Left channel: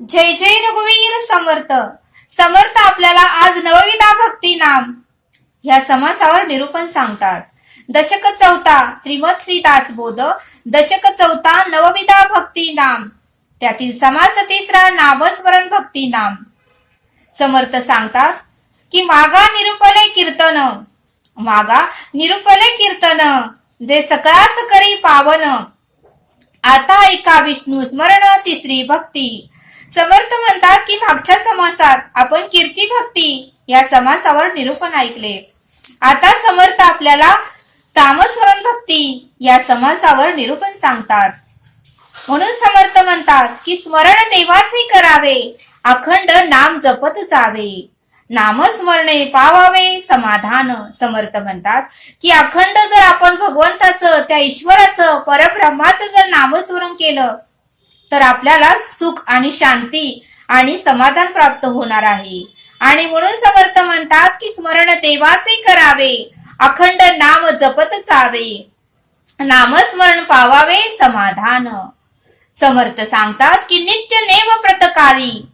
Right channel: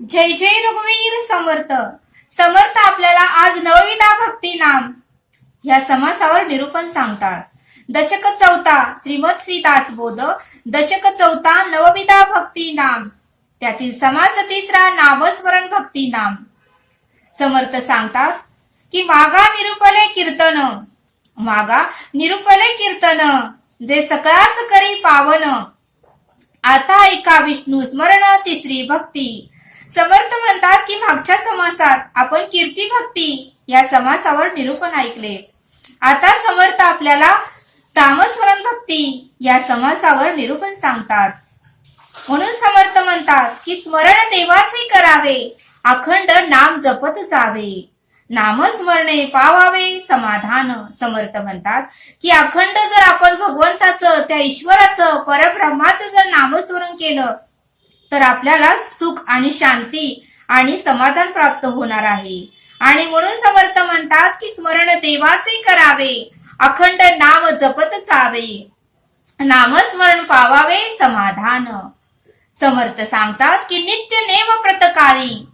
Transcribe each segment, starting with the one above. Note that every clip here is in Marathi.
जय जय रघुवीर समर्थ. समर्थ आपल्याला आज नवविधा भक्ती नाम ह्या समासावर निरूपण सांगतात. दशक चौथा श्रीमद श्री दासबोध, दशक चौथा नवविधा भक्ती नाम, त्यातील समास तिसरा नामस्मरण भक्ती नाम. समर्थ सांगतात की मागा निरूपले कीर्तन, मागा निरूपले कीर्तन, जे सकळास करी पावन, आता ऐका विष्णू स्मरण तिसरी भक्ती. समर्थ म्हणतात की मागच्या समासात आपण कीर्ती भक्ती या समासावर निरूपण ऐकले. आता समर्थ आपल्याला नामस्मरण भक्ती या समासावर निरूपण सांगतात. म्हणून समर्थ म्हणतात की स्मरण देवाचे करावे, अखंड नाम जपत जावे, नामस्मरणे पावावे समाधान. समर्थ म्हणतात की अखंड जर आपण भगवंताचं, त्या ईश्वराचं, परब्रह्माचं जर नामस्मरण केलं तर आपल्याला सुख आणि शांती आणि समाधान प्राप्त होणार आहे. आणि म्हणून समर्थ म्हणतात की स्मरण देवाचे करावे, अखंड नाम जपत जावे, नामस्मरण पावावे समाधान. समर्थ सांगतात की नित्य नेम प्रतकाली,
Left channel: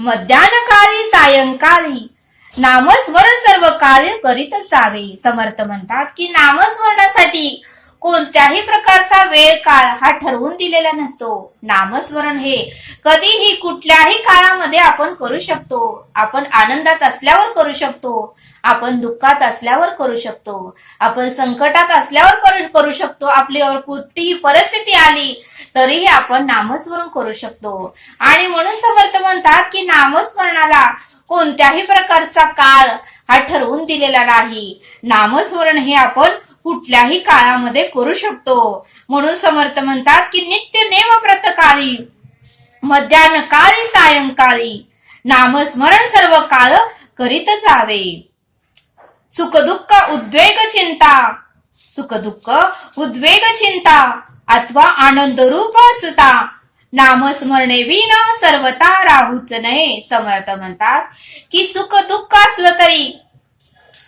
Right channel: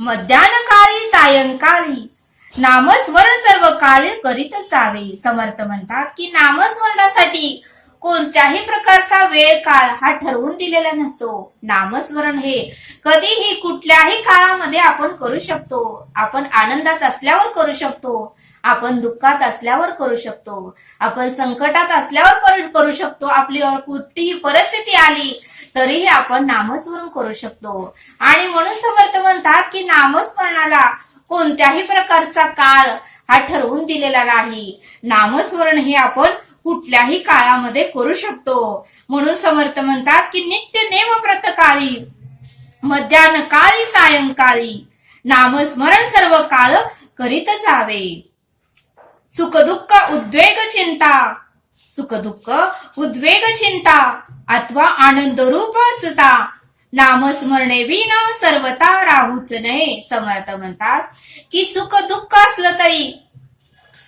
मध्यान्हकाळी सायंकाळी, नामस्मरण सर्व कार्य करीत जावे. समर्थ म्हणतात की नामस्मरणासाठी कोणत्याही प्रकारचा वेळ काळ हा ठरवून दिलेला नसतो. नामस्मरण हे कधीही कुठल्याही काळामध्ये आपण करू शकतो. आपण आनंदात असल्यावर करू शकतो, आपण दुःखात असल्यावर करू शकतो, आपण संकटात असल्यावर करू शकतो, आपल्यावर कुठलीही परिस्थिती आली तरीही आपण नामस्मरण करू शकतो. आणि म्हणून समर्थ म्हणतात की नामस्मरणाला कोणत्याही प्रकारचा काळ हा ठरवून दिलेला नाही. नामस्मरण हे आपण कुठल्याही काळामध्ये करू शकतो. म्हणून समर्थ म्हणतात की नित्य नेम प्रतकाली, मध्यान्हकाळी सायंकाळी, नामस्मरण सर्व काळ करीत जावे. सुखदुःख उद्वेग चिंता, सुखदुःख उद्वेग चिंता अथवा आनंद रूप असता, नामस्मरणे विना सर्वता राहूच नये. समर्थ म्हणतात की सुख दुःख असलं तरी,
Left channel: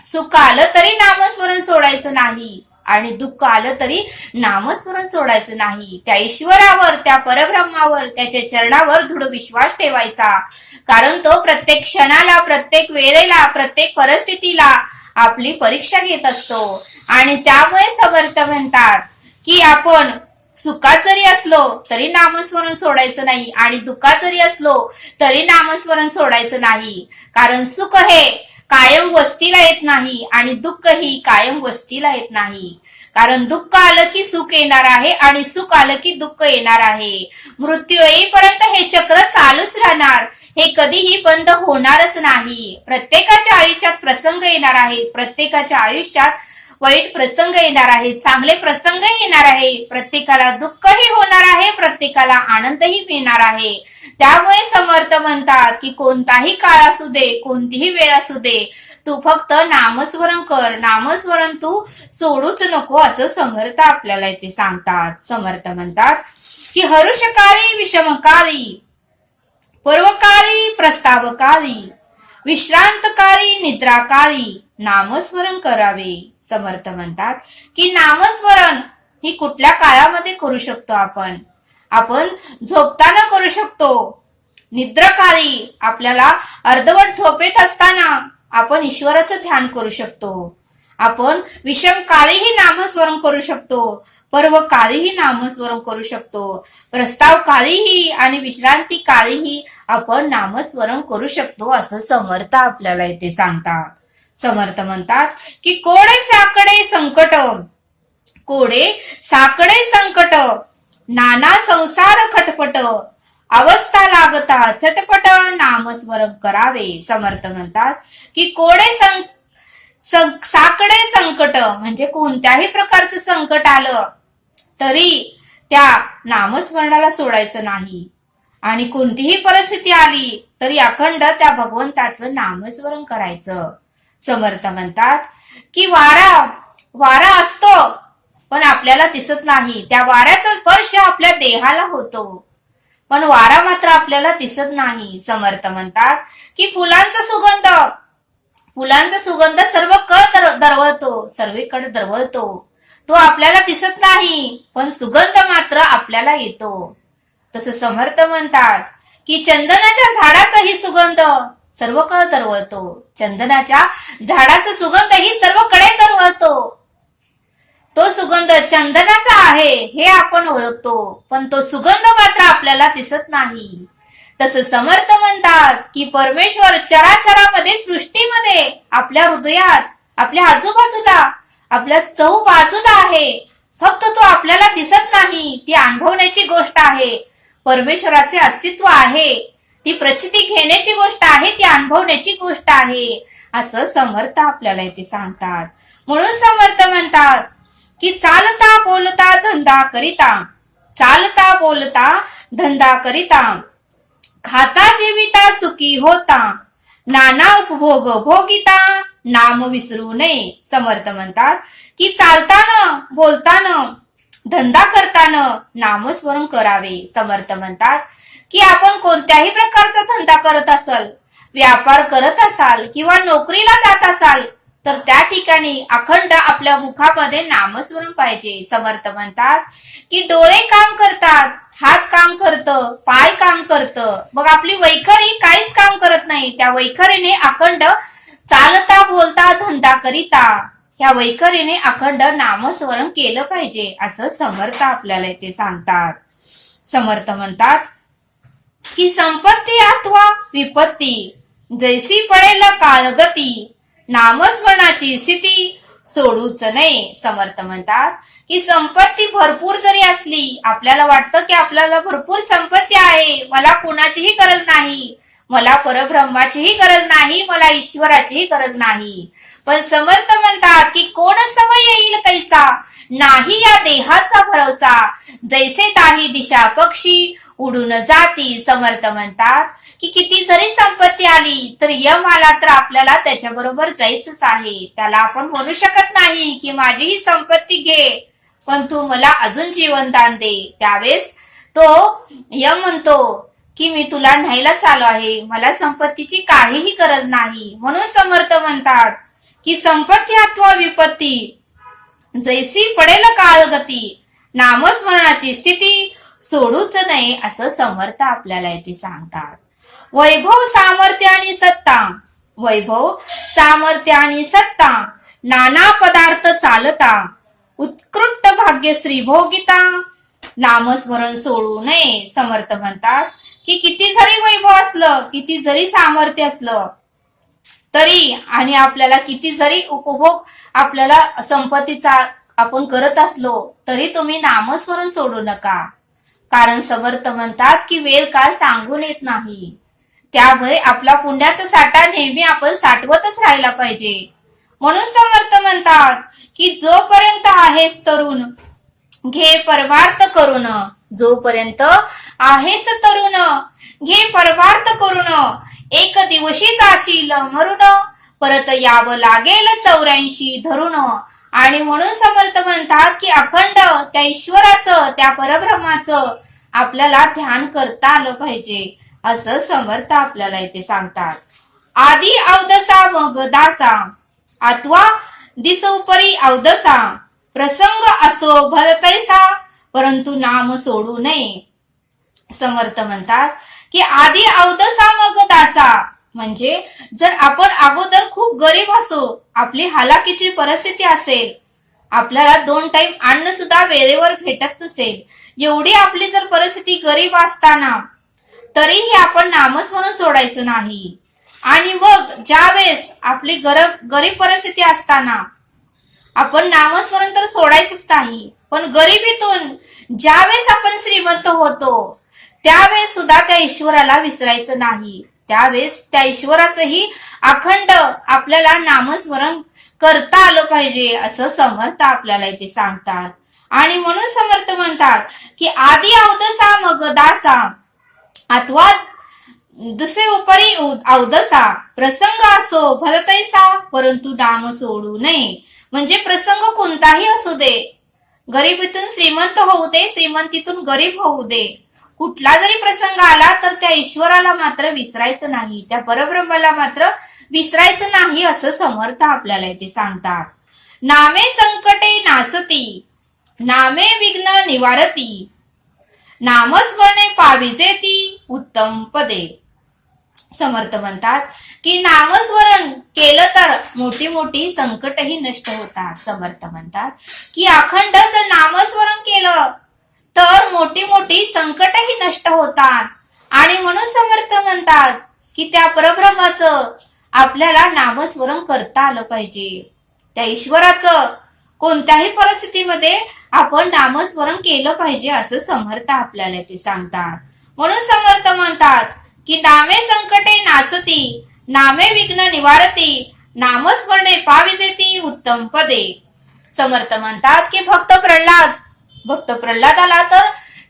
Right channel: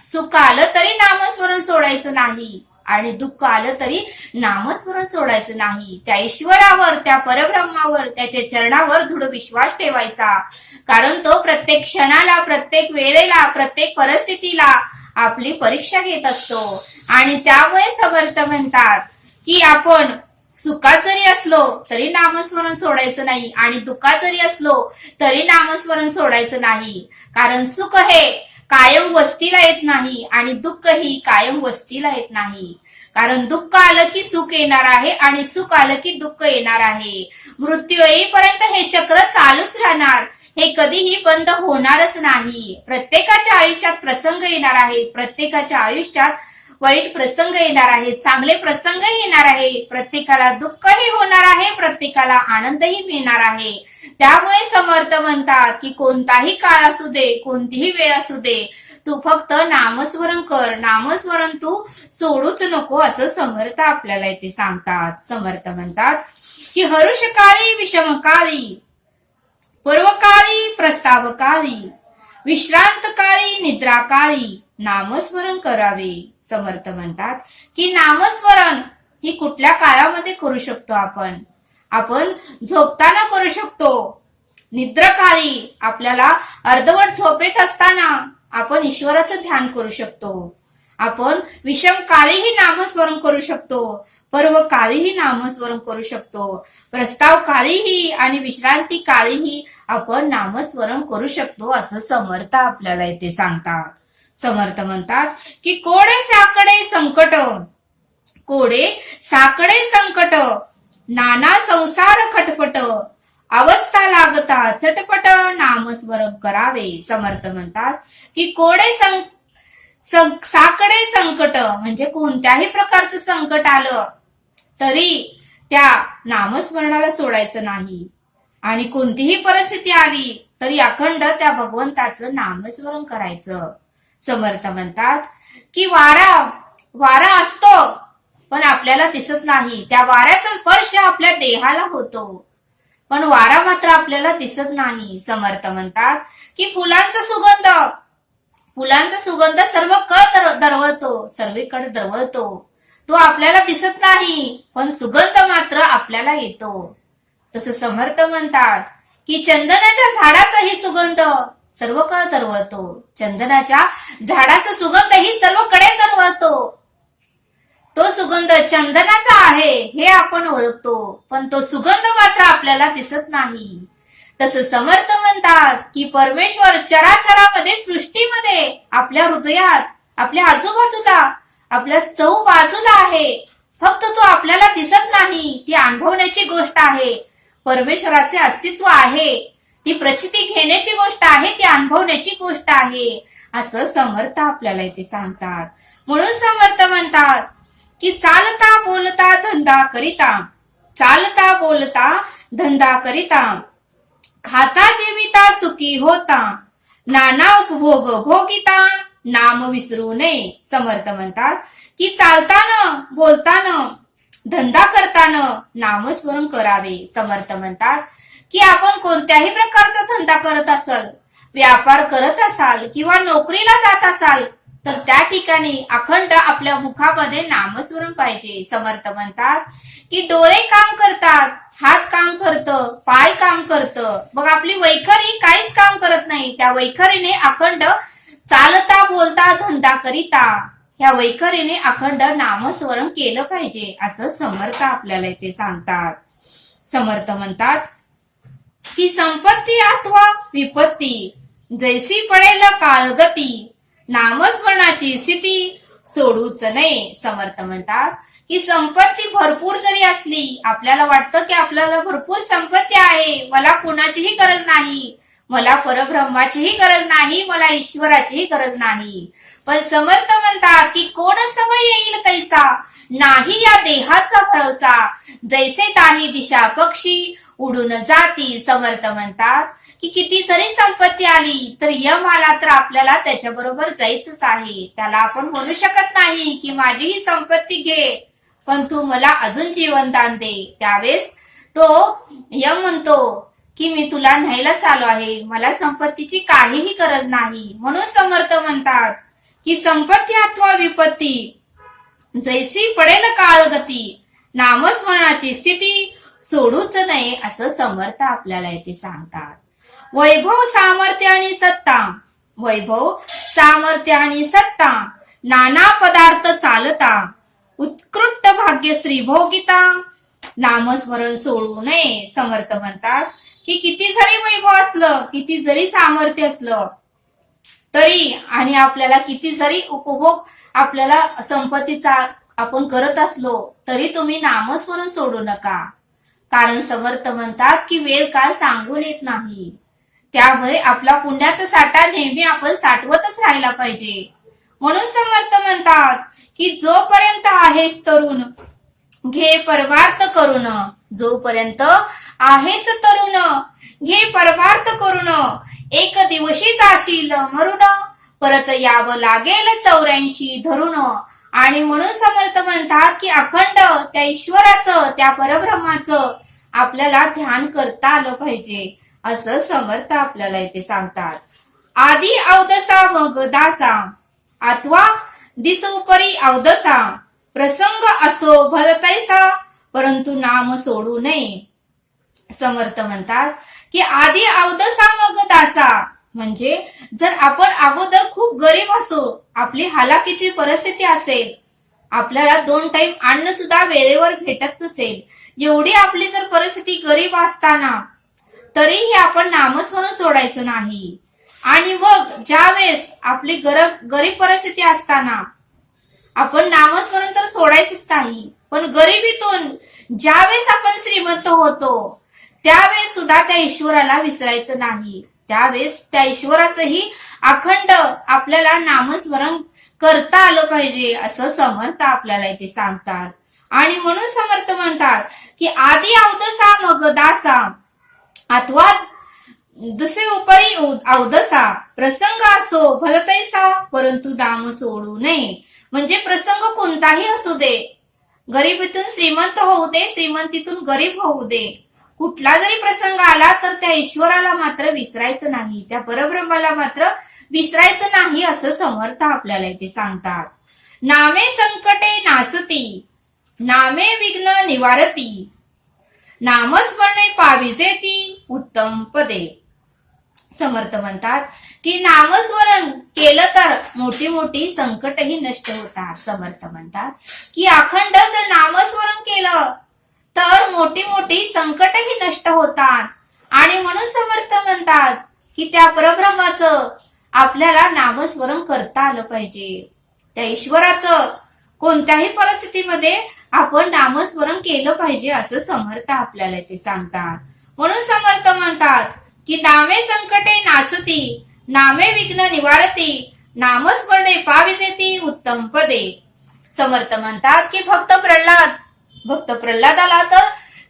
सुख आलं तरी नामस्मरण सोडायचं नाही आणि दुःख आलं तरी नामस्मरण सोडायचं नाही. त्या ईश्वरावर, त्या परब्रह्मावर, त्याच्या चरणावर दृढ विश्वास ठेवायचा. कारण तो प्रत्येक क्षणाला, प्रत्येक वेळेला, प्रत्येक परिस्थितीला आपली परीक्षा घेत असतो. आणि त्यामुळे समर्थ म्हणतात की आपण सुखात जरी असलो तरी नामस्मरण सोडायचं नाही आणि दुःखात जरी असलो तरी नामस्मरण सोडायचं नाही. कारण सुख हे कायम वस्तीला येत नाही आणि दुःख ही कायम वस्तीला येत नाही. कारण दुःख आलं की सुख येणार आहे आणि सुख आलं की दुःख येणार आहे. मृत्यू येईपर्यंत हे चक्र चालूच राहणार, हे कधीही बंद होणारच नाही. प्रत्येकाच्या आयुष्यात प्रसंग येणार आहे, प्रत्येकाच्या आयुष्यात वाईट प्रसंग येणार आहे, चांगले प्रसंग येणार आहे, प्रत्येकाला दुःखही होणार आहे, प्रत्येकाला आनंदही मिळणार आहे. त्यामुळे समर्थ म्हणतात की कोणताही काळ असू दे, कोणतीही वेळ असू दे, तू फक्त नामस्मरण कर, नामस्मरण तू सोडूच नको, असं समर्थ आपल्याला इथे सांगतात. समर्थ म्हणतात की हरुषकाळी विषमकाळी, पूर्वकाळी प्रस्तावकाळी, विश्रांतकाळी निद्राकाळी नामस्मरण करावे. समर्थ म्हणतात की नामस्मरण ही कुठल्या काळामध्ये करू शकतो आपण. आपण झोपताना करू शकतो, निद्राकाळी आपल्याला अर्धवट झोपेत असताना आपण ईश्वराचं ध्यान करू शकतो. आपण विषम काळीही नामस्मरण करू शकतो, पर्व काळीही नामस्मरण करू शकतो, प्रस्ताव काळीही आणि विश्रांती काळीही आपण नामस्मरण करू शकतो, असं समर्थ आपल्याला इथे सांगतात. समर्थ म्हणतात की कोडे साकडे संकट, कोडे साकडे संकट, नाना संसार खटपट, अवस्था लागता चटपट, नामस्मरण करावे. समर्थ म्हणतात की कोडे साकडे संकट म्हणजे कोणत्याही प्रकारचं संकट आलं तरी त्या नामस्मरणाला सोडायचं नाही आणि कोणतीही परिस्थिती आली तरी अखंड त्या भगवंताचं नामस्मरण करायचं. समर्थ म्हणतात की वारा असतो पण आपल्याला दिसत नाही, त्या वाऱ्याचा स्पर्श आपल्या देहाला होतो पण वारा मात्र आपल्याला दिसत नाही. समर्थ म्हणतात की फुलांचा सुगंध सर्व दरवळतो, सर्वीकडे दरवळतो, तो आपल्याला दिसत नाही पण सुगंध मात्र आपल्याला येतो. तसं समर्थ म्हणतात की चंदनाच्या झाडाचाही सुगंध सर्वकडे दरवळतो. चंदनाच्या झाडाचा सुगंधही सर्वकडे दरवळतो. तो सुगंध चंदनाचा आहे हे आपण ओळखतो, पण तो सुगंध मात्र आपल्याला दिसत नाही. तसं समर्थ म्हणतात की परमेश्वर चराचरामध्ये, सृष्टीमध्ये, आपल्या हृदयात, आपल्या आजूबाजूला, आपल्या चहूबाजूला आहे. फक्त तो आपल्याला दिसत नाही. ती अनुभवण्याची गोष्ट आहे. परमेश्वराचे अस्तित्व आहे, ती प्रचिती घेण्याची गोष्ट आहे, ती अनुभवण्याची गोष्ट आहे, असं समर्थ आपल्याला इथे सांगतात. म्हणून समर्थ म्हणतात की चालता बोलता धंदा करिता, चालता बोलता धंदा करिता, खाता जीविता सुखी होता, नाना उपभोग भोगिता, नाम विसरू नये. समर्थ म्हणतात की चालताना बोलताना धंदा करताना नामस्मरण करावे. समर्थ म्हणतात की आपण कोणत्याही प्रकारचा धंदा करत असाल, व्यापार करत असाल किंवा नोकरीला जात असाल तर त्या ठिकाणी अखंड आपल्या मुखामध्ये नामस्मरण पाहिजे. समर्थ म्हणतात की डोळे काम करतात, हात काम करतं, पाय काम करतं, मग आपली वैखरी काहीच काम करत नाही. त्या वैखरीने अखंड चालता बोलता धंदा करिता, ह्या वैखरीने अखंड नामस्मरण केलं पाहिजे, असं समर्थ आपल्याला इथे सांगतात. समर्थ म्हणतात की संपत्ती अथवा विपत्ती जैसी पडेल काळगती, नामस्मरणाची स्थिती सोडूच नये. समर्थ म्हणतात की संपत्ती भरपूर जरी असली, आपल्याला वाटतं की आपल्याला भरपूर संपत्ती आहे, मला कुणाचीही गरज नाही, मला परब्रह्माचीही गरज नाही, मला ईश्वराचीही गरज नाही, पण समर्थ म्हणतात की कोण समय येईल कैचा, नाही या देहाचा भरोसा, जैसे ताही दिशा पक्षी उडून जाती. समर्थ म्हणतात की किती जरी संपत्ती आली तर यम आला तर आपल्याला त्याच्याबरोबर जायचंच आहे. त्याला आपण म्हणू शकत नाही की माझी ही संपत्ती घे पण तू मला अजून जीवनदान दे. त्यावेळेस तो यम म्हणतो की मी तुला न्यायला चालू आहे, मला संपत्तीची काहीही गरज नाही. म्हणून समर्थ म्हणतात की संपत्ती अथवा विपत्ती जैसी पडेल काळगती, नामस्मरणाची स्थिती सोडूच नये, असं समर्थ आपल्याला इथे सांगतात. वैभव सामर्थ्य आणि सत्ता, वैभव सामर्थ्य आणि सत्ता, नाना पदार्थ चालता, उत्कृष्ट भाग्यश्री भोगिता, नामस्मरण सोडू नये. समर्थ म्हणतात की किती जरी वैभव असलं, किती जरी सामर्थ्य असलं तरी, आणि आपल्याला किती जरी उपभोग आपल्याला संपत्तीचा आपण करत असलो तरी तुम्ही नामस्मरण सोडू नका. कारण समर्थ म्हणतात की वेळ काळ सांगून येत नाही, त्यामुळे आपला पुण्याचा साठा नेहमी आपण साठवतच राहायला पाहिजे. म्हणून समर्थ म्हणतात की जोपर्यंत आहेस तरुण घे परमार्थ करून, जोपर्यंत आहेस तरुण घे परमार्थ करून, एक दिवशी जाशील मरून, परत यावं लागेल 84 धरून. आणि म्हणून समर्थ म्हणतात की अखंड त्या ईश्वराचं, त्या परब्रह्माचं आपल्याला ध्यान करता आलं पाहिजे, असं समर्थ आपल्याला इथे सांगतात. आधी अवदसा मग दासा, अथवा दिस उपरी अवदसा, प्रसंग असो भरतैसा, परंतु नाम सोडू नये. समर्थ म्हणतात की आधी अवदसा मग दासा, म्हणजे जर आपण अगोदर खूप गरीब असो, आपली हालाकीची परिस्थिती असेल, आपल्याला 2 टाइम अन्न सुद्धा वेळेवर भेटत नसेल, एवढी आपली जर परिस्थिती गरीब असताना तरीही आपण नामस्मरण सोडायचं नाही. आणि मग ज्या वेळेस आपली गरीब परिस्थिती असताना आपण नामस्मरण तर सोडायचंच नाही, पण गरिबीतून ज्यावेळेस आपण श्रीमंत होतो त्यावेळेस सुद्धा त्या ईश्वराला विसरायचं नाही. त्यावेळेस त्या ईश्वराचंही अखंड आपल्याला नामस्मरण करता आलं पाहिजे, असं समर्थ आपल्याला इथे सांगतात. आणि म्हणून समर्थ म्हणतात की आधी अवदसा मग दासा, अथवा दुसरे उपरी अवदसा, प्रसंग असो भलतैसा, परंतु नाम सोडू नये. म्हणजे प्रसंग कोणताही असू दे, गरिबीतून श्रीमंत होऊ दे, श्रीमंतीतून गरीब होऊ दे, कुठला जरी प्रसंग आला तर त्या ईश्वराला मात्र विसरायचं नाही, त्या परब्रह्माला मात्र विसरायचं नाही, असं समर्थ आपल्याला इथे सांगतात. नामे संकटे नासती, नामे विघ्न निवारती, नामस्मरणे पाविजे ती उत्तम पदे. समर्थ म्हणतात की नामस्मरण केलं तर मोठी मोठी संकटही नष्ट होतात. समर्थ म्हणतात की अखंड जर नामस्मरण केलं तर मोठी मोठी संकटही नष्ट होतात. आणि म्हणून समर्थ म्हणतात की त्या परब्रह्माचं आपल्याला नामस्मरण करता आलं पाहिजे. त्या ईश्वराचं कोणत्याही परिस्थितीमध्ये आपण नामस्मरण केलं पाहिजे असं समर्थ आपल्याला ते सांगतात. म्हणून समर्थ म्हणतात की नामे संकटे नासती, नामे विघ्न निवारती, नामस्मरणे पाविजेती उत्तम पदे. समर्थ म्हणतात की भक्त प्रल्हादाला तर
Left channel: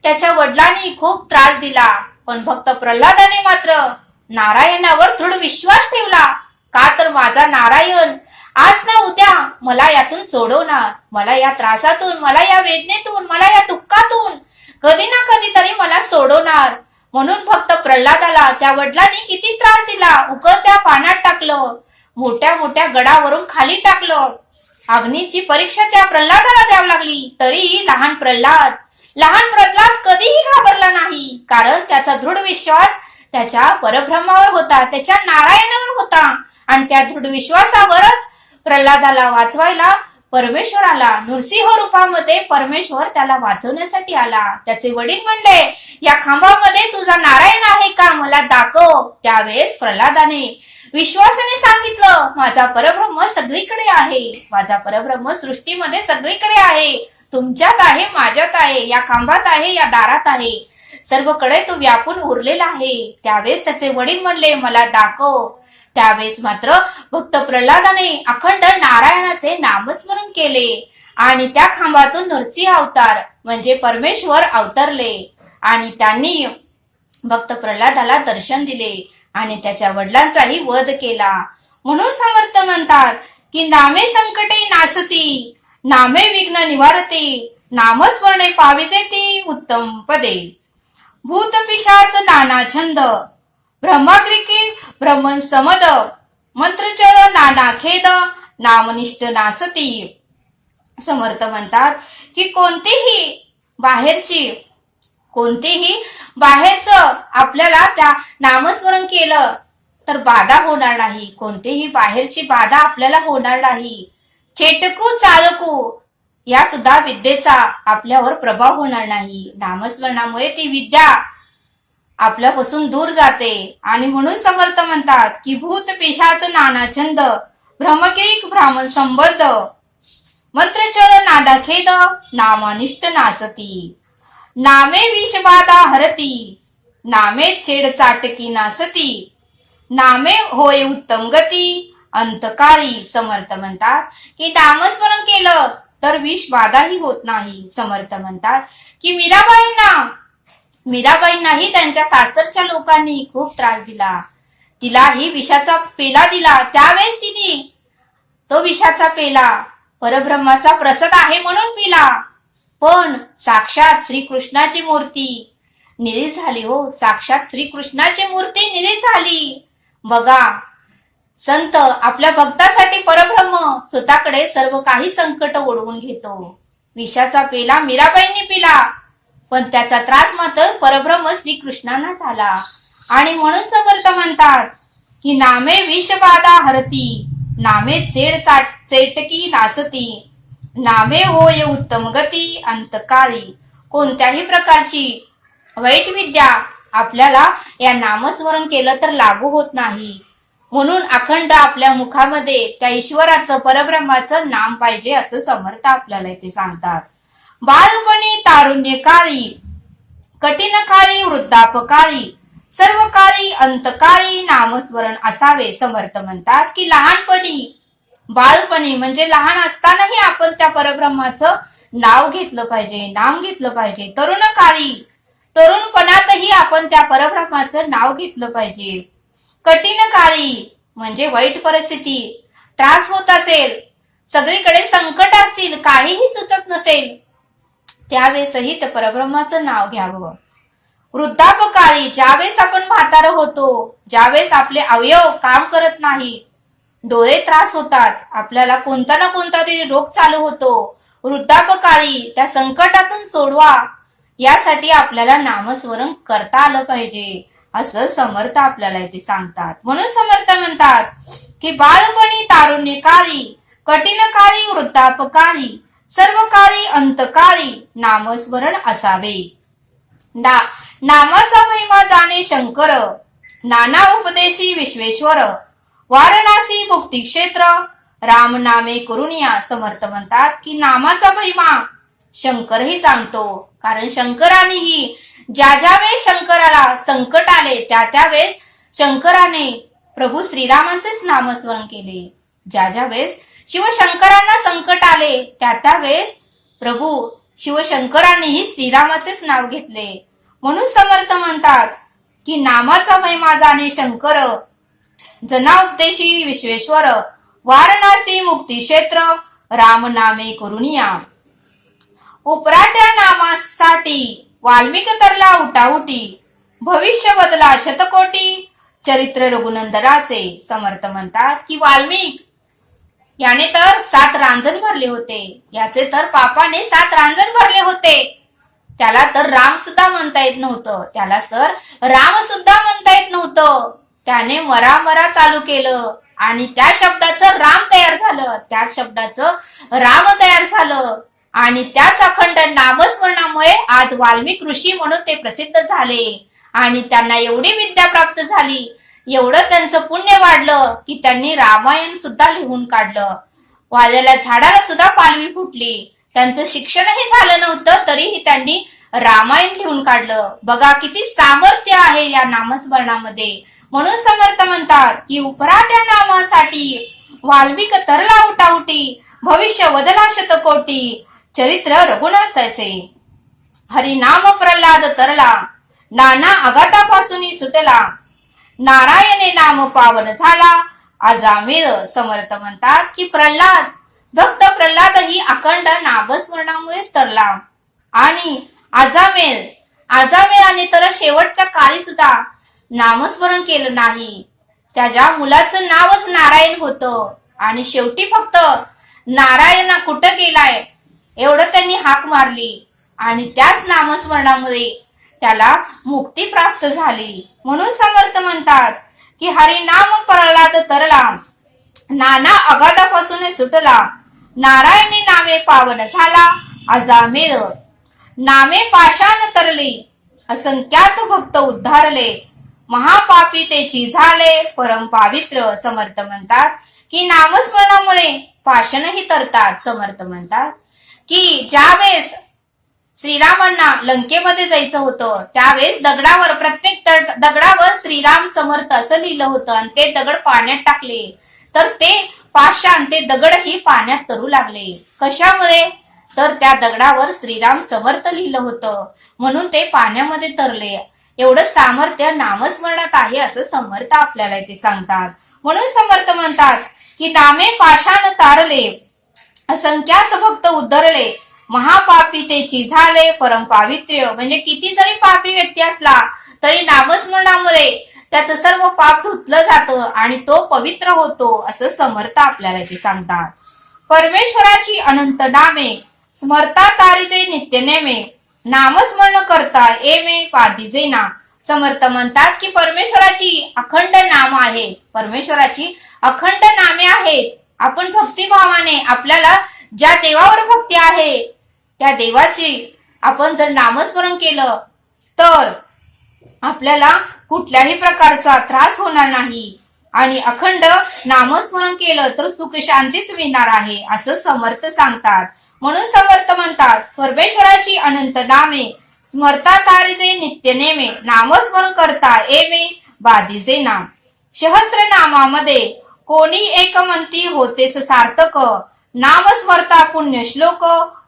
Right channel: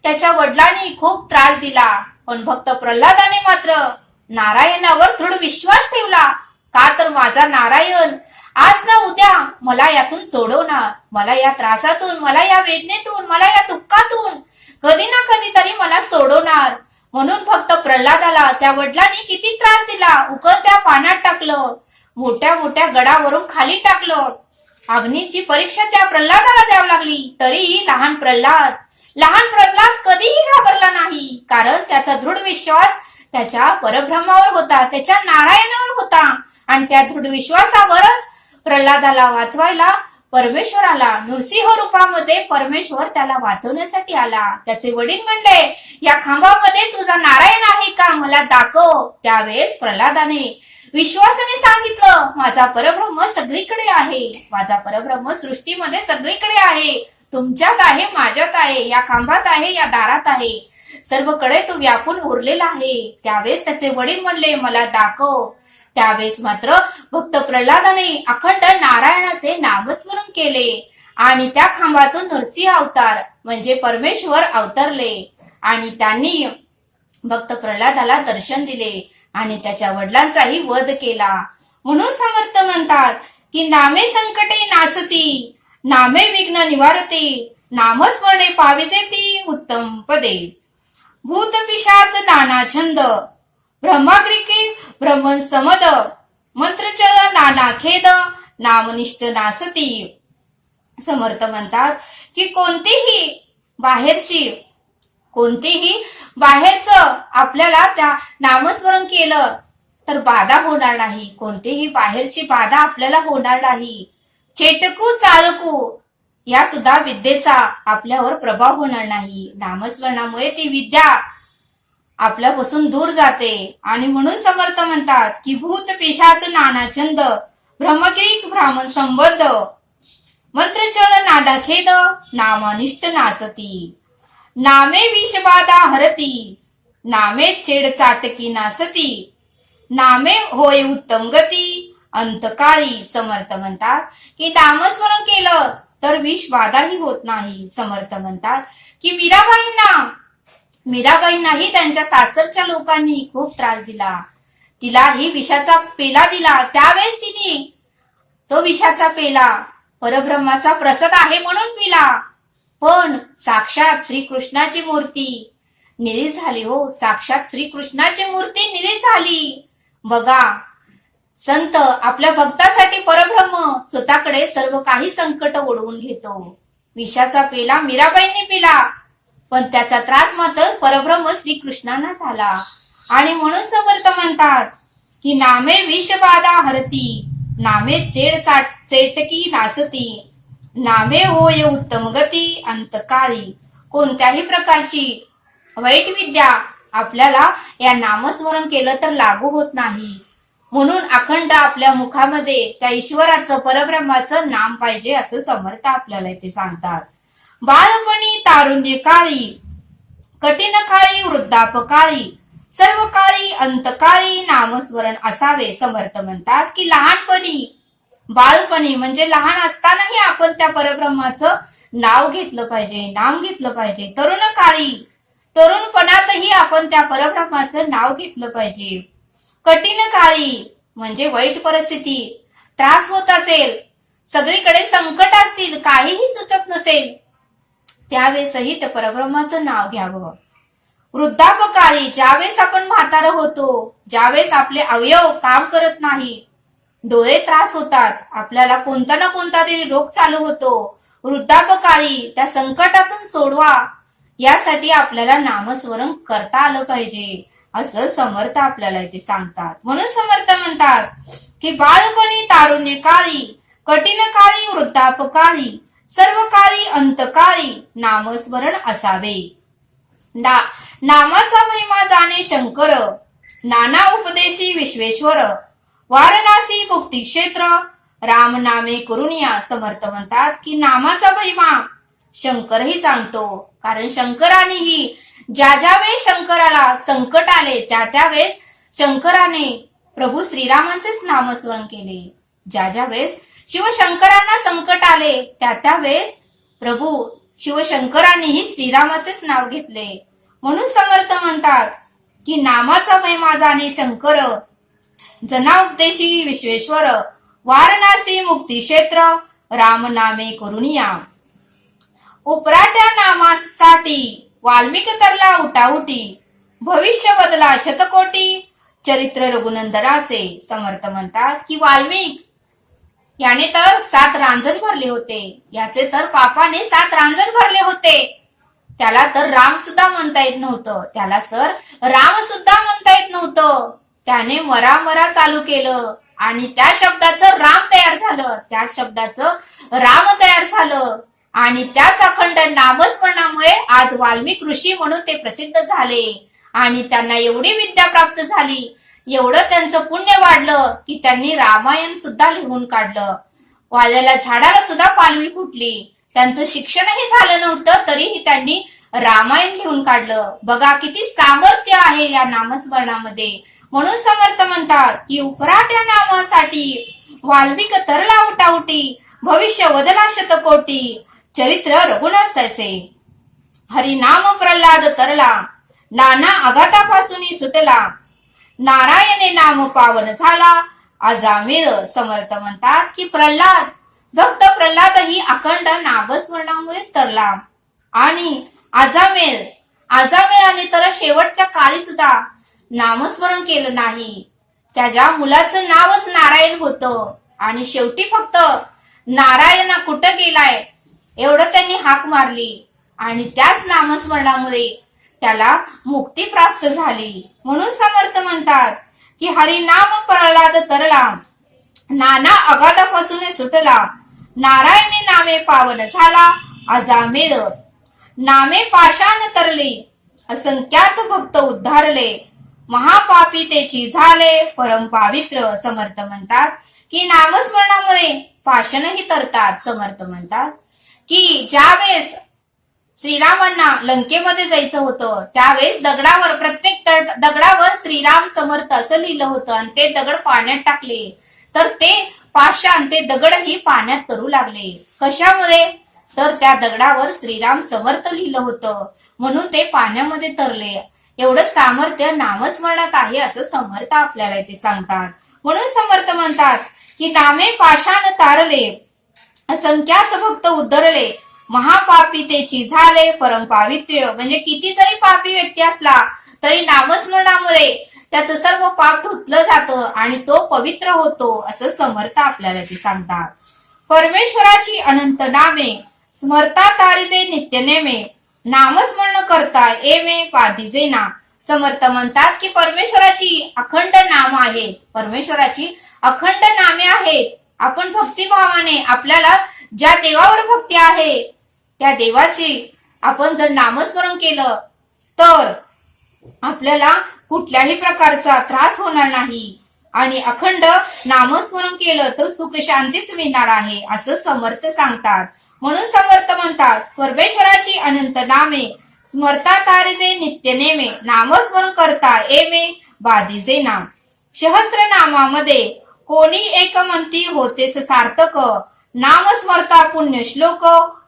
त्याच्या वडिलांनी खूप त्रास दिला, पण भक्त प्रल्हादाने मात्र नारायणावर दृढ विश्वास ठेवला. का तर माझा नारायण आज ना उद्या मला यातून सोडवणार, मला या त्रासातून, मला या वेदनेतून, मला या दुःखातून कधी ना कधी तरी मला सोडवणार. म्हणून फक्त प्रल्हादाला त्या वडिलांनी किती त्रास दिला. उकळत्या पाण्यात टाकलं, मोठ्या मोठ्या गडावरून खाली टाकलं. अग्नीची परीक्षा त्या प्रल्हादाला द्यावी लागली. तरीही लहान प्रल्हाद कधीही घाबरला नाही, कारण त्याचा दृढ विश्वास त्याच्या परब्रह्मावर होता, त्याच्या नारायणावर होता. आणि त्या दृढ विश्वासावरच प्रल्हादाला वाचवायला परमेश्वर आला. नृसिंह रूपामध्ये परमेश्वर त्याला वाचवण्यासाठी आला. त्याचे वडील म्हणले, या खांबामध्ये तुझा नारायण आहे का, मला दाखव. त्यावेळेस प्रल्हादाने विश्वासाने सांगितलं, माझा परब्रह्म सगळीकडे आहे, माझा परब्रह्म सृष्टीमध्ये सगळीकडे आहे, तुमच्यात आहे, माझ्यात आहे, या खांबात आहे, या दारात आहे, सर्वकडे तो व्यापून उरलेला आहे. त्यावेळेस त्याचे वडील म्हणले, मला दाखव. त्यावेळेस मात्र भक्त प्रल्हादाने अखंड नारायणाचे नामस्मरण केले आणि त्या खांबातून नरसिंह अवतार म्हणजे परमेश्वर अवतरले आणि त्यांनी भक्त प्रल्हादाला दर्शन दिले आणि त्याच्या वडिलांचाही वध केला. म्हणून समर्थ म्हणतात की नामे संकटे नासती, नामे विघ्न निवारते, नामस्मरणे पाविजेती उत्तम पदे. भूत पिशाच नाना छंद, ब्रह्माग्रिके ब्रह्मन समद, मंत्रचर नाना खेद, नामनिष्ठ नासती. समर्थ म्हणतात की कोणतेही बाहेरच आपल्याला त्या नामस्मरण केलं तर बाधा होणार नाही, कोणतेही बाहेरची बाधा आपल्याला होणार नाही. चेटकू चालकू या सुद्धा विद्येचा आपल्यावर प्रभाव होणार नाही. नामस्मरणामुळे ती विद्या आपल्यापासून दूर जाते. आणि म्हणून समर्थ म्हणतात की भूत पिशाच नाना छंद, ब्रह्मगिरी ब्राह्मण संबंध, मंत्रचर नादा खेद, नामानिष्ठ नासती. नामे विषबाधा हरती, नामे छेड चाटकी नासती, नामे होय उत्तम गती, अंतकाळी. समर्थ म्हणतात की नामस्मरण केलं तर विष बाधाही होत नाही. समर्थ म्हणतात की मीराबाईंनाही त्यांच्या सासरच्या लोकांनी खूप त्रास दिला, तिलाही विषाचा पेला दिला. त्यावेळेस तिने तो विषाचा पेला परब्रह्माचा प्रसाद आहे म्हणून पिला, पण साक्षात श्रीकृष्णाची मूर्ती निरी झाली. हो, साक्षात श्रीकृष्णाची मूर्ती निरी झाली. बघा, संत आपल्या भक्तासाठी परब्रह्म स्वतःकडे सर्व काही संकट ओढवून घेतो. विषाचा पेला मीराबाईंनी पिला, पण त्याचा त्रास मात्र परब्रह्म श्रीकृष्णांना झाला. आणि म्हणून समर्थ म्हणतात की नामे विषबाधा हरती, नामे चेटकी नासती, नामे होय उत्तम गती, अंतकाळी. कोणत्याही प्रकारची वाईट विद्या आपल्याला या नामस्मरण केलं तर लागू होत नाही. म्हणून अखंड आपल्या मुखामध्ये त्या ईश्वराचं परब्रह्माचं नाम पाहिजे असं समर्थ आपल्याला इथे सांगतात. बालपणी तारुण्य काळी, कठीण काळी वृद्धापकाळी, सर्व काळी अंतकाळी नामस्मरण असावे. समर्थ म्हणतात की बालपणी म्हणजे लहान असतानाही आपण त्या परब्रह्माचं नाव घेतलं पाहिजे, नाम घेतलं पाहिजे. तरुणपणातही आपण त्या परब्रह्माचं नाव घेतलं पाहिजे. कठीण काळी म्हणजे वाईट परिस्थिती, त्रास होत असेल, सगळीकडे संकट असतील, काहीही सुचत नसेल, त्यावेळेसही त्या परब्रह्माचं नाव घ्यावं. वृद्धापकाळी ज्यावेळेस आपण म्हातारं होतो, ज्यावेळेस आपले अवयव काम करत नाही, डोळे त्रास होतात, आपल्याला कोणता ना कोणता तरी रोग चालू होतो, वृद्धापकाळी त्या संकटातून सोडवा, यासाठी आपल्याला नामस्मरण करता आलं पाहिजे असं समर्थ आपल्याला इथे सांगतात. म्हणून समर्थ म्हणतात की बालपणी तारुण्य काळी, कठीण काळी वृद्धापकाळी, सर्व काळी अंतकाळी नामस्मरण असावे. नामाचा महिमा जाणे शंकर, नाना उपदेशी विश्वेश्वर, वारणासी मुक्ती क्षेत्र, राम नामे करुणिया. समर्थ म्हणतात की नामाचा महिमा शंकरही जाणतो, कारण शंकरानेही ज्या वेळेस शंकराला संकट आले त्या वेळेस शंकराने प्रभू श्रीरामांचेच नामस्मरण केले. ज्या वेळेस शिवशंकरांना संकट आले त्या वेळेस प्रभू शिवशंकरांनीही श्रीरामाचेच नाव घेतले. म्हणून समर्थ म्हणतात की नामाचा महिमा जाणे शंकर, जना उपदेशी विश्वेश्वर, वारणासी मुक्ती क्षेत्र, राम नामे करुणिया. उपराट्या नामासाठी वाल्मिक तरला उठाउटी, भविष्य बदला शतकोटी, चरित्र रघुनंदनाचे. समर्थ म्हणतात की वाल्मिक याने तर 7 रांजण भरले होते, याचे तर पापाने 7 रांजण भरले होते. त्याला तर राम सुद्धा म्हणता येत नव्हतं, त्याला तर राम सुद्धा म्हणता येत नव्हतं. त्याने मरा चालू केलं आणि त्या शब्दाचं राम तयार झालं, त्या शब्दाचं राम तयार झालं आणि त्याच अखंड नामस्मरणामुळे आज वाल्मिक ऋषी म्हणून ते प्रसिद्ध झाले आणि त्यांना एवढी विद्या प्राप्त झाली, एवढं त्यांचं पुण्य वाढलं की त्यांनी रामायण सुद्धा लिहून काढलं. वाल्याला झाडाला सुद्धा पालवी फुटली, त्यांचं शिक्षणही झालं नव्हतं तरीही त्यांनी रामायण लिहून काढलं. बघा किती सामर्थ्य आहे या नामस्मरणामध्ये. म्हणून समर्थ म्हणतात की उपराट्या नामासाठी वाल्मिक तरला उठाउटी, भविष्य वदला शतकोटी, चरित्र रघुनाथाचे. हरिनाम प्रल्हाद तरला, नाना आघातापासून सुटला, नारायणे नाम पावन झाला, अजामिळ. समर्थ म्हणतात की भक्त प्रल्हादही अखंड नामस्मरणामुळेच तरला आणि अजामेळाने तर शेवटच्या काळी सुद्धा नामस्मरण केलं नाही. त्याच्या मुलाचं नावच नारायण होतं आणि शेवटी फक्त नारायणा कुठं गेलाय एवढं त्यांनी हाक मारली आणि त्याच नामस्मरणामुळे त्याला मुक्ती प्राप्त झाली. म्हणून समर्थ म्हणतात की हरिनाम प्रल्हाद तरला, नाना अगाधापासून सुटला, नारायणी नामे पावन झाला, अजामेळ. नामे पाषाण तरली, असंख्यात भक्त उद्धारले, महापापी तेची झाले परम पावित्र. समर्थ म्हणतात की नामस्मरणामुळे पाषाणही तरतात. समर्थ म्हणतात की ज्यावेळेस श्रीरामांना लंकेमध्ये जायचं होतं त्यावेळेस दगडावर, प्रत्येक दगडावर श्रीराम समर्थ असं लिहिलं होतं आणि ते दगड पाण्यात टाकले तर ते पाषाण, ते दगडही पाण्यात तरू लागले. कशामुळे? तर त्या दगडावर श्रीराम समर्थ लिहिलं होतं म्हणून ते पाण्यामध्ये तरले. एवढं सामर्थ्य नामस्मरणात आहे असं समर्थ आपल्याला इथे सांगतात. म्हणून समर्थ म्हणतात की नामे पाषाण तारले, असंख्यात भक्त उद्धरले, महापापी तेची झाले परम पावित्र्य. म्हणजे किती जरी पापी व्यक्ती असला तरी नामस्मरणामुळे त्याचं सर्व पाप धुतलं जातं आणि तो पवित्र होतो असं समर्थ आपल्याला ते सांगतात. परमेश्वराची अनंत नामे, स्मरता तारीचे नित्य नेमे, नामस्मरण करता एमे पाधीजे ना. समर्थ म्हणतात की परमेश्वराची अखंड नाम आहे, परमेश्वराची अखंड नामे आहेत. आपण भक्तिभावाने आपल्याला ज्या देवावर भक्ती आहे त्या देवाची आपण जर नामस्मरण केलं तर आपल्याला कुठल्याही प्रकारचा त्रास होणार नाही आणि अखंड नामस्मरण केलं तर सुख शांतीच मिळणार आहे असं समर्थ सांगतात. म्हणून समर्थ म्हणतात परमेश्वराची अनंत नामे, स्मरता तारीचे नित्य नेमे, नामस्मरण करता एमे बाधीजे नाम. सहस्र नामामध्ये कोणी एक म्हणती होतेस सार्थक, नाम स्मरता पुण्य श्लोक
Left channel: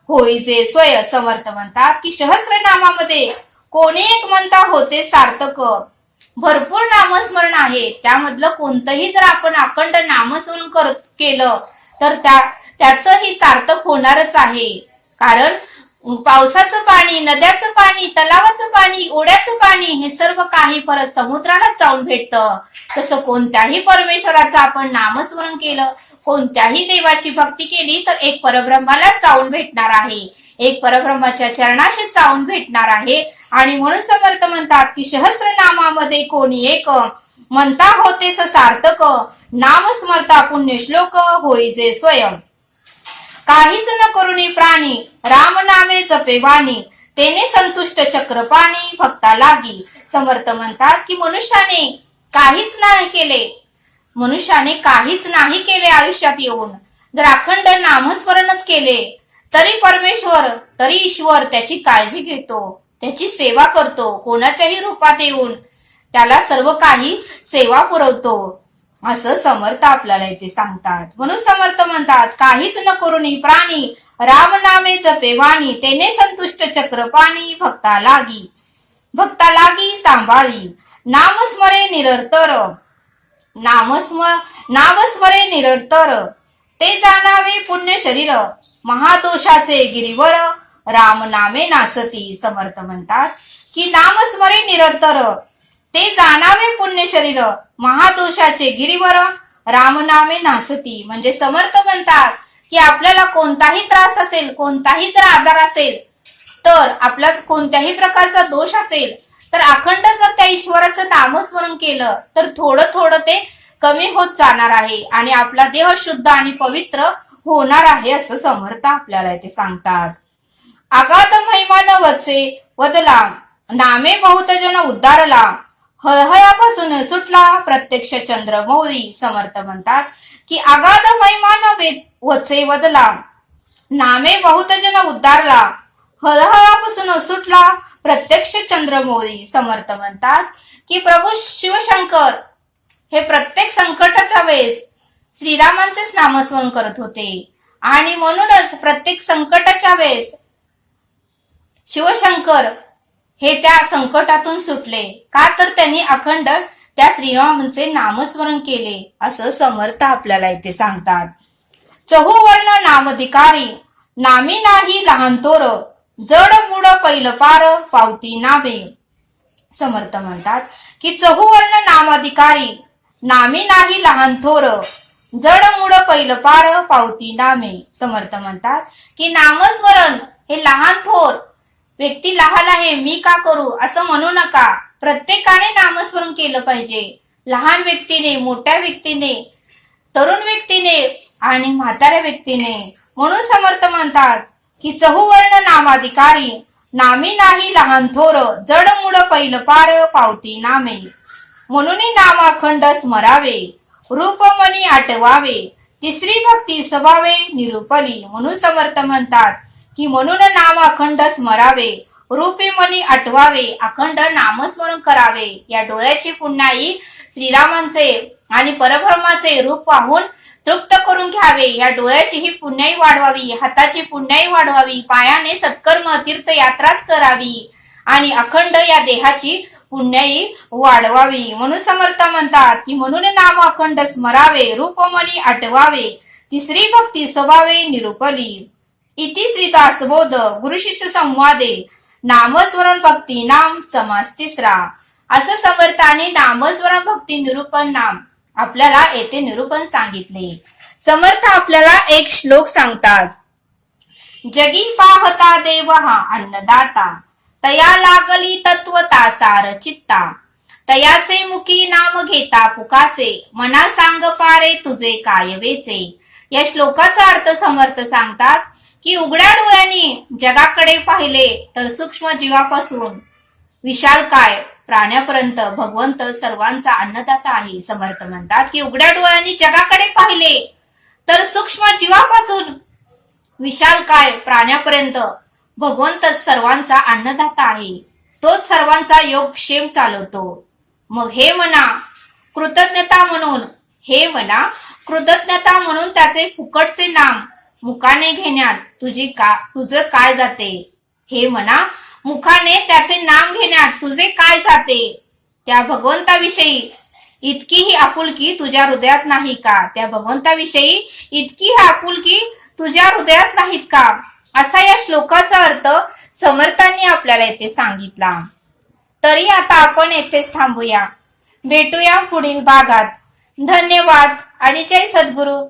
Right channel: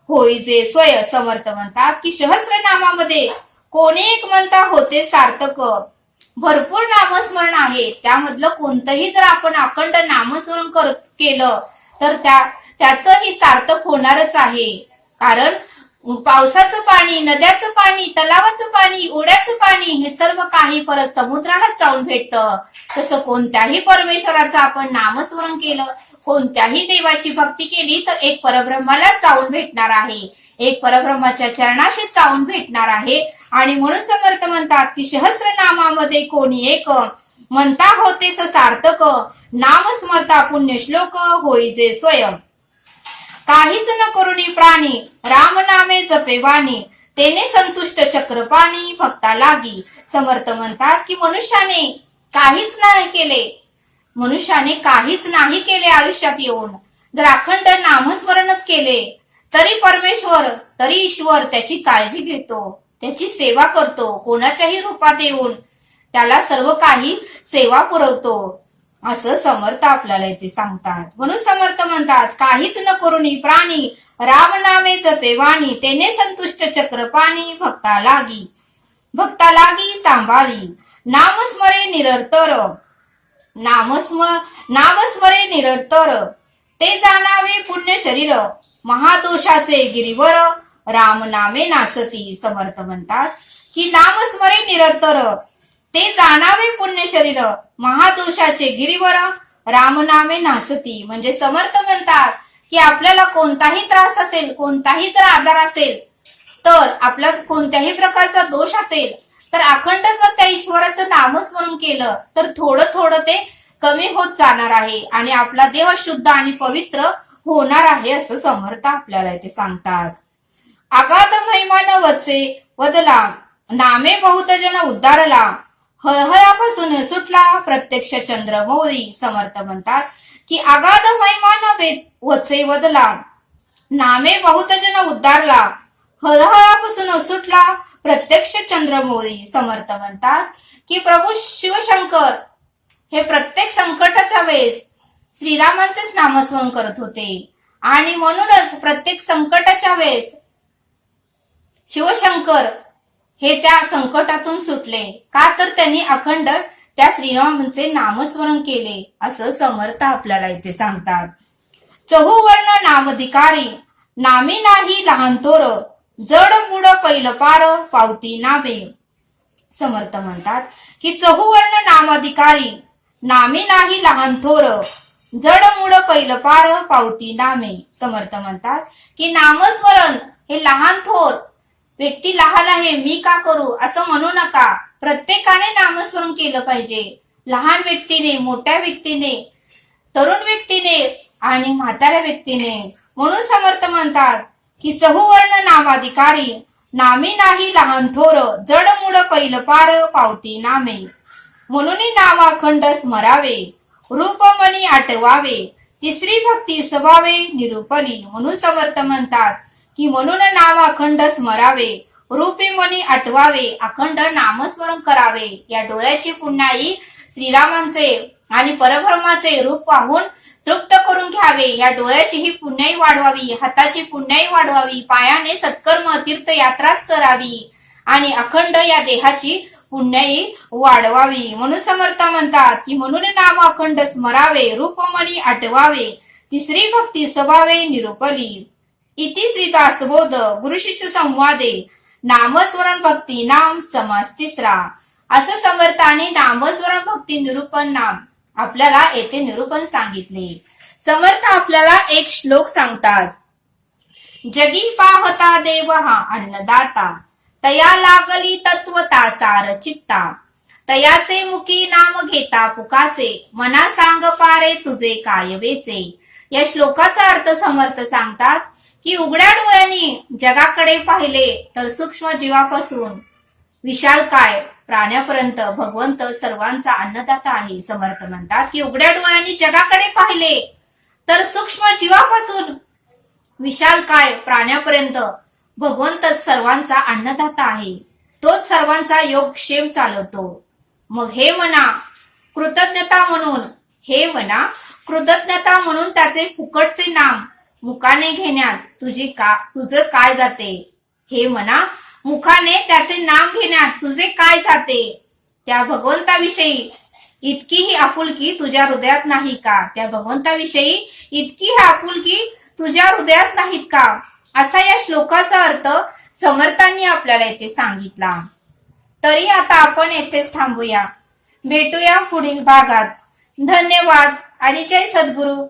होईजे स्वय. समर्थ म्हणतात की सहस्र नामामध्ये कोणी एक म्हणता होते सार्थक. भरपूर नामस्मरण आहे, त्यामधलं कोणतंही जर आपण अखंड नामस्मरण केलं तर त्याचंही सार्थक होणारच आहे. कारण पावसाचं पाणी, नद्याचं पाणी, तलावाचं पाणी, ओढ्याचं पाणी हे सर्व काही परत समुद्रालाच जाऊन भेटतं. तसं कोणत्याही परमेश्वराचं आपण नामस्मरण केलं, कोणत्याही देवाची भक्ती केली तर एक परब्रह्मालाच जाऊन भेटणार आहे. एक परब्रह्माच्या चरणाशी जाऊन भेटणार आहे. आणि म्हणून समर्थ म्हणतात की सहस्रनामामध्ये कोणी एक म्हणता होतेस सार्थक, नाम स्मरता पुण्य श्लोक होई जे स्वयं. काहीच न करुणी प्राणी राम नामे जपे वाणी, तेने संतुष्ट चक्रपाणी भक्ता लागी. समर्थ म्हणतात की मनुष्याने काहीच नाही केले आयुष्यात येऊन जर अखंड नामस्मरणच केले तरी परमेश्वर, तरी ईश्वर त्याची काळजी घेतो, त्याची सेवा करतो. कोणाच्याही रूपात येऊन त्याला सर्व काही सेवा पुरवतो असं समर्थ आपल्याला इथे सांगतात. म्हणून समर्थ म्हणतात काहीच न करुणी प्राणी राम नामे जपे वाणी, तेने संतुष्ट चक्रपाणी भक्ता लागी सांभाळी. नामस्मरे निरंतर ते जाणावे पुण्य शरीर, महादोषाचे गिरीवर राम नामे नासती. समर्थ म्हणतात की नामस्मरे निरंतर ते जाणावे पुण्य शरीर, महादोषाचे गिरीवर राम नामे नासती. म्हणजे समर्थ म्हणतात की आपल्याला कोणताही त्रास असेल, कोणताही जर आजार असेल, तर आपला कोणत्याही प्रकारचा दोष असेल तर अखंड जर त्या ईश्वराचं नामस्मरण केलं तर थोडं थोडं ते कमी होत जाणार आहे आणि आपला देह शुद्ध आणि पवित्र होणार आहे असं समर्थ आपल्याला इथे सांगतात. अगाध महिमा न वचे वदला, नामे बहुत जन उद्धारला, हळहळापासून सुटला प्रत्यक्ष चंद्रमौली. समर्थ म्हणतात की अगाध महिमा न वचे वदला, नामे बहुत जन उद्धारला, हळहळापासून सुटला प्रत्यक्ष चंद्रमौली. समर्थ म्हणतात की प्रभू शिवशंकर हे प्रत्येक संकटाच्या वेळेस श्रीरामांचेच नामस्मरण करत होते आणि म्हणूनच प्रत्येक संकटाच्या वेळेस शिवशंकर हे त्या संकटातून सुटले. का तर त्यांनी अखंड त्या श्रीरामांचे नामस्मरण केले असं समर्थ आपल्याला इथे सांगतात. चहुवर्ण नामधिकारी, नामी नाही लहान थोर, जड मुड पहिलं पार पावती नामे. समर्थ म्हणतात की चहुवर्ण नामाधिकारी, नामी नाही लहान थोर, जड मुड पहिलं पार पावती नामे. समर्थ म्हणतात की नामस्मरण हे लहान थोर व्यक्ती लहान आहे मी का करू असं म्हणू नका. प्रत्येकाने नामस्मरण केलं पाहिजे. लहान व्यक्तीने, मोठ्या व्यक्तीने, तरुण व्यक्तीने आणि म्हाताऱ्या व्यक्तीने. म्हणून समर्थ म्हणतात की चहुवर्ण नामाधिकारी, नामी नाही लहान थोर, जड मुड पहिलं पार पावती नामे. म्हणून नामाखंड स्मरावे, रूपमणी आठवावे, तिसरी भक्ती सभावे निरुपली. म्हणून समर्थ म्हणतात की म्हणून नामाखंड स्मरावे, रूपमणी आठवावे, अखंड नामस्मरण करावे. या डोळ्याची पुण्याई श्रीरामांचे आणि परब्रह्माचे रूप पाहून तृप्त करून घ्यावे. या डोळ्याची ही पुण्याई वाढवावी, हाताची पुण्याई वाढवावी, पायाने सत्कर्म तीर्थयात्राच करावी आणि अखंड या देहाची पुण्याई वाढवावी. म्हणून समर्थ म्हणतात की म्हणून नाम अखंड स्मरावे, रूपमणी आठवावे, तिसरी भक्ती सभावे निरुपली. इति श्री दासबोध गुरु शिष्य संवादे नामस्मरण भक्ती नाम समास तिसरा. असं समर्थाने नामस्मरण भक्ती निरूपण नाम आपल्याला येथे निरूपण सांगितले. समर्थ आपल्याला एक श्लोक सांगतात. जगी पाहता देव हा अन्नदाता, तया लागली तत्वता सार चित्ता, तयाचे मुखी नाम घेता पुकाचे, मना सांग पारे तुझे काय वेचे. या श्लोकाचा अर्थ समर्थ सांगतात की उघड्या डोळ्यांनी जगाकडे पाहिले तर सूक्ष्म जीवापासून विशाल काय प्राण्यापर्यंत भगवंत सर्वांचा अन्नदाता आहे. समर्थ म्हणतात की उघड्या डोळ्यांनी जगाकडे पाहिले तर सूक्ष्म जीवापासून विशाल काय प्राण्यापर्यंत भगवंत सर्वांचा अन्नदाता आहे. तोच सर्वांचा योग क्षेम चालवतो. मग हे म्हणा कृतज्ञता म्हणून त्याचे फुकटचे नाम मुखाने घेण्यात तुझं काय जाते. हे म्हणा मुखाने त्याचे नाम घेण्यात तुझे काय जाते. त्या भगवंताविषयी इतकीही आपुलकी तुझ्या हृदयात नाही का. त्या भगवंताविषयी इतकी आपुलकी तुझ्या हृदयात नाहीत का. असा या श्लोकाचा अर्थ समर्थांनी आपल्याला येथे सांगितला. तरी आता आपण येथेच थांबूया. भेटूया पुढील भागात. धन्यवाद आणि जय सद्गुरू.